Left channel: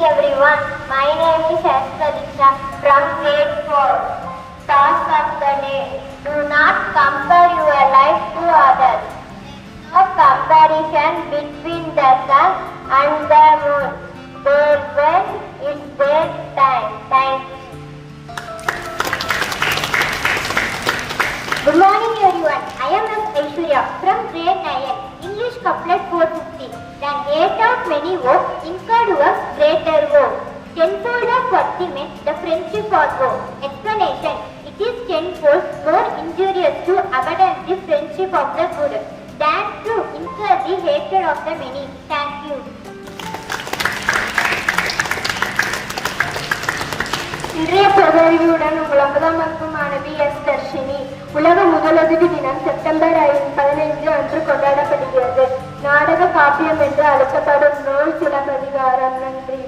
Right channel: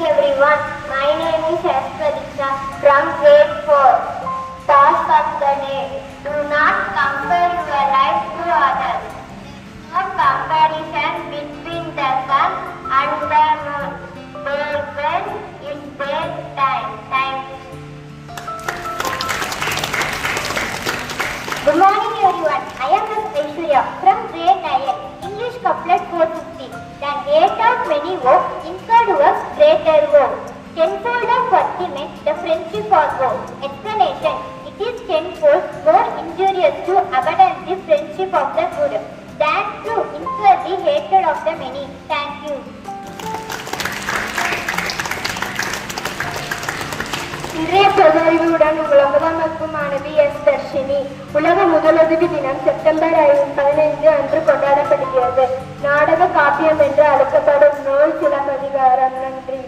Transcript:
everyone, my name is Aspadita from grade 4. Task of the day. Do not compare your life to others. No comparison between the sun and the moon. They when it's their time. Thank you. Good morning everyone. I am Ms. Aishwarya from grade 9. English couplet 450. Than great of many woe, incurred works greater woe. Tenfold of fortiment, the friendship of woe. Explanation. It is tenfold more injurious to abandon the friendship of the good than to incur the hatred of the many. Thank you. இன்றைய பிரதமருடன் உலகமக்கு மாணவி S Dharshini. உலக முதலுதவி தினம் September 15 அன்று கொண்டாடப்படுகிறது. நாடக காப்பியம் என்று அழைக்கப்படும் நூல் சிலப்பதிகாரம். நன்றி.